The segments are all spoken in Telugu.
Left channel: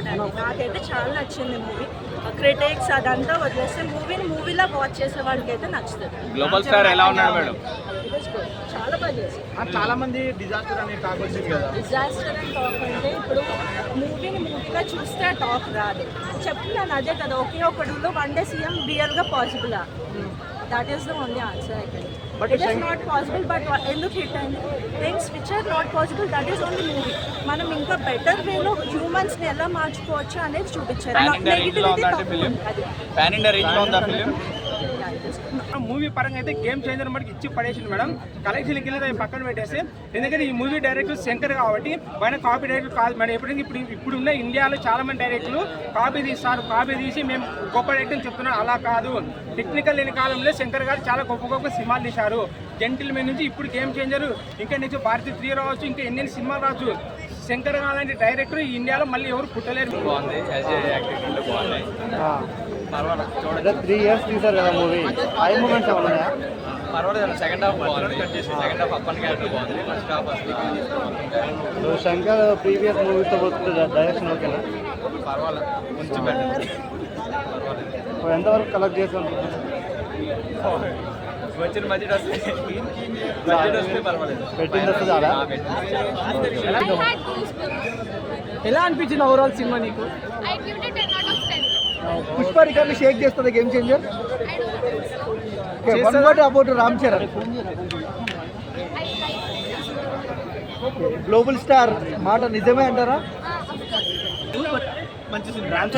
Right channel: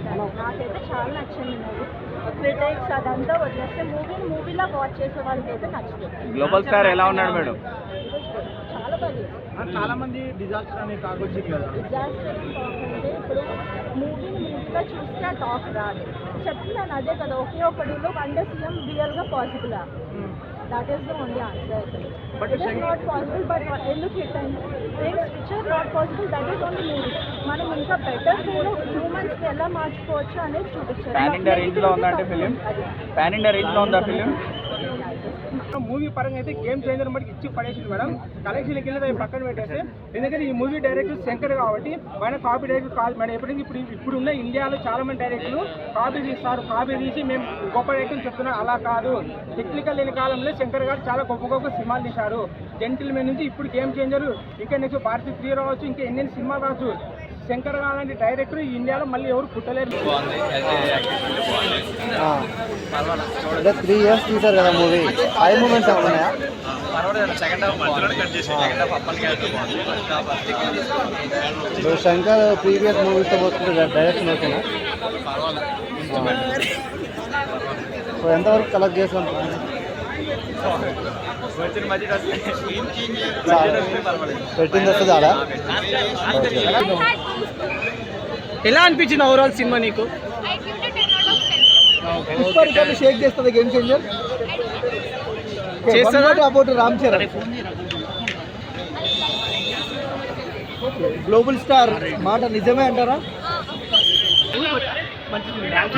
గుడ్ అండి. నాకైతే చాలా నచ్చింది మూవీ. క్రిటిక్స్ అదంతా వదిలేస్తే మూవీలో వాచ్ చేసే వాళ్ళకి అయితే నచ్చుతుంది. గ్లోబల్ స్టార్ ఎలా ఉన్నారు మేడం? చాలా బాగా చేశారు. చాలా మంది డిజాస్టర్ అనే టాక్ వచ్చింది కదా. డిజాస్టర్ అని టాక్ అంటే ఇప్పుడు మూవీగా చూస్తే టాక్ రాదు. చెప్తున్నాను అదే కదా, ఒకే ఒకటిలో వన్ డే సీఎం రియల్గా possible. That is the only answer అయితే. It is not possible, but ఎందుకు హిట్ అయింది? Things which are not possible, that is only movie. మనం ఇంకా బెటర్ వేలో హ్యూమన్స్ని ఎలా మార్చుకోవచ్చు అనేది చూపించారు. మూవీ పరంగా అయితే గేమ్ చేంజర్ మనకి ఇచ్చి పడేసింది మేడం. కలెక్షన్కి వెళ్ళి పక్కన పెట్టేసి, ఎందుకంటే ఈ మూవీ డైరెక్టర్ శంకర్ కాబట్టి మన కాపీ డైరెక్టర్ కాదు మేడం. ఎప్పటికీ ఇప్పుడు ఉన్న ఇండియాలో చాలా మంది డైరెక్టర్లు కాపీ తీస్తారు. కాపీ తీసి మేము గొప్ప డైరెక్టర్ చెప్తున్నాం, అలా కాదు. టెక్నికల్ లేని కాలంలో శంకర్ గారు చాలా గొప్ప గొప్ప సినిమాలు తీశారు. జెంటిల్మెన్ నుంచి ఇప్పుడు గేమ్ చేంజర్, ఇంకా నెక్స్ట్ భారతీయ 3 రావచ్చు, ఇంకా ఎన్ని సినిమాలు రావచ్చు. శంకర్ గారు డైరెక్టర్ ఈ ఇండియాలో మళ్ళీ ఎవరు పుట్టలేరు. 3 years తీసారు కదా మూవీ, హై మూమెంట్స్ అవుతున్నాయా? పర్వాలేదు. సెకండ్ హాఫ్ బాగుంది. సెకండ్ హాఫ్ అప్పటికే బాగుంది. ఫస్ట్ హాఫ్ శంకర్ ప్రీవియస్ మూవీస్తో పోతుంది డైరెక్షన్ అయితే పర్వాలేదు. కొంచెం ఇప్పుడు ఎంతవరకు కలెక్ట్ చేసాం? వచ్చిన బడ్జెట్ పర్వాలేదు. పెట్టింది వస్తుందా? ఎలా అనిపించింది ఓవరాల్ సినిమా నీకు? పుష్ప రికార్డు షేక్ చేస్తుంది game changer. About Ram Charan, global star మాట నిజమే అంటారా?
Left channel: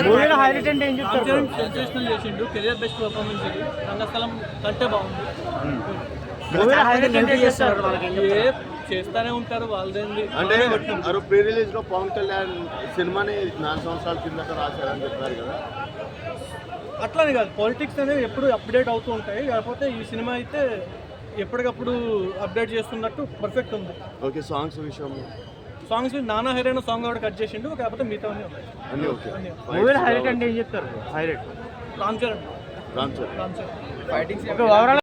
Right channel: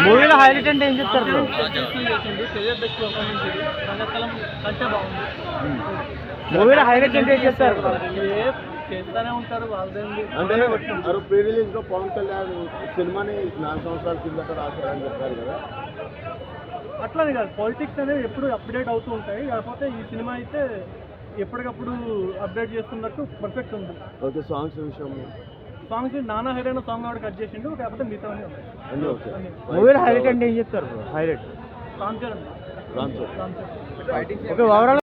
మూవీలో హైలైట్ అంటే ఏం చెప్తారు? కెరియర్ బెస్ట్ పర్ఫార్మెన్స్ ఇది. రంగస్థలం కంటే బాగుంది. మూవీలో హైలైట్ అంటే ఏం చెప్తారు? చేస్తానే ఉంటారు వాళ్ళదండి. అంటే ప్రీ రిలీజ్ లో పవన్ కళ్యాణ్ సినిమాని 4 సంవత్సరాల కిందట రాశారని చెప్పారు కదా. అట్లానే కాదు, పాలిటిక్స్ అనేవి ఎప్పుడు అప్డేట్ అవుతూ ఉంటాయి. కాకపోతే ఈ సినిమా అయితే ఎప్పటికప్పుడు అప్డేట్ చేస్తున్నట్టు పర్ఫెక్ట్ ఉంది. ఓకే, సాంగ్స్ విషయంలో సాంగ్స్ నానా హైరైన సాంగ్ కూడా కట్ చేసిండు. కాకపోతే మిగతా అన్నీ ఓకే. మూవీలో హైలైట్ అంటే ఏం చెప్తారు? Highlight Ram Charan fightings